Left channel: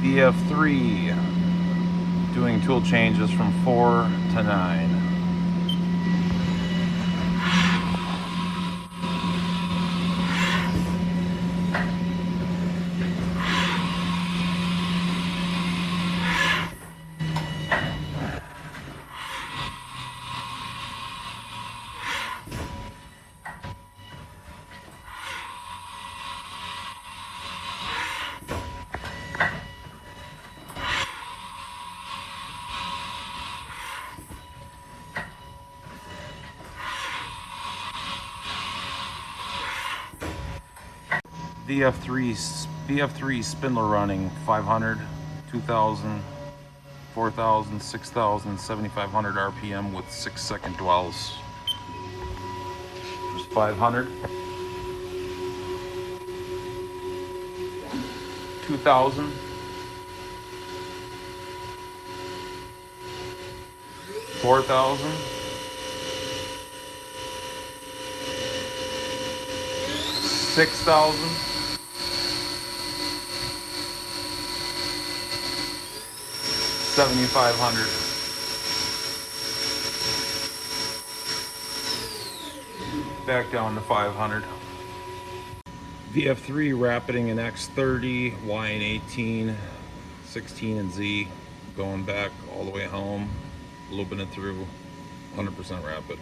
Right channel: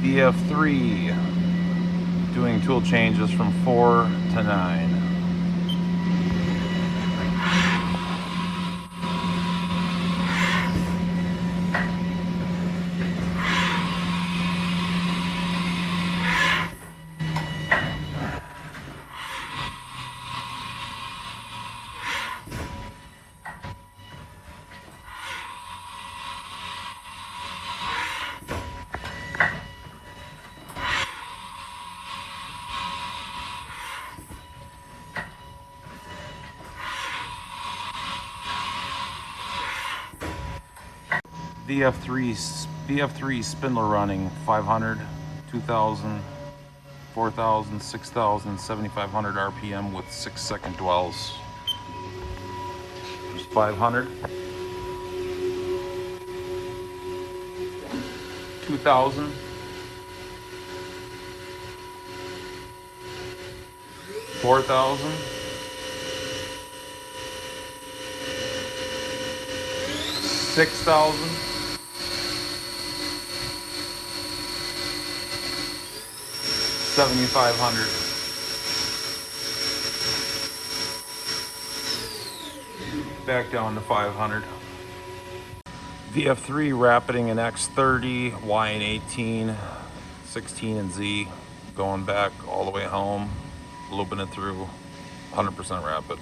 VF-3 doing tool changes from 4 to 9. VF3 spindle running 500, 2000, 4000, 6000, 7500 RPM with 6-second dwells. 500, 2000, 4000, 6000, 7500. Back down to 500. VF3 rapiding an X30, Y and 18, 16 and Z, going back all the way home, looping it through 100% rapid.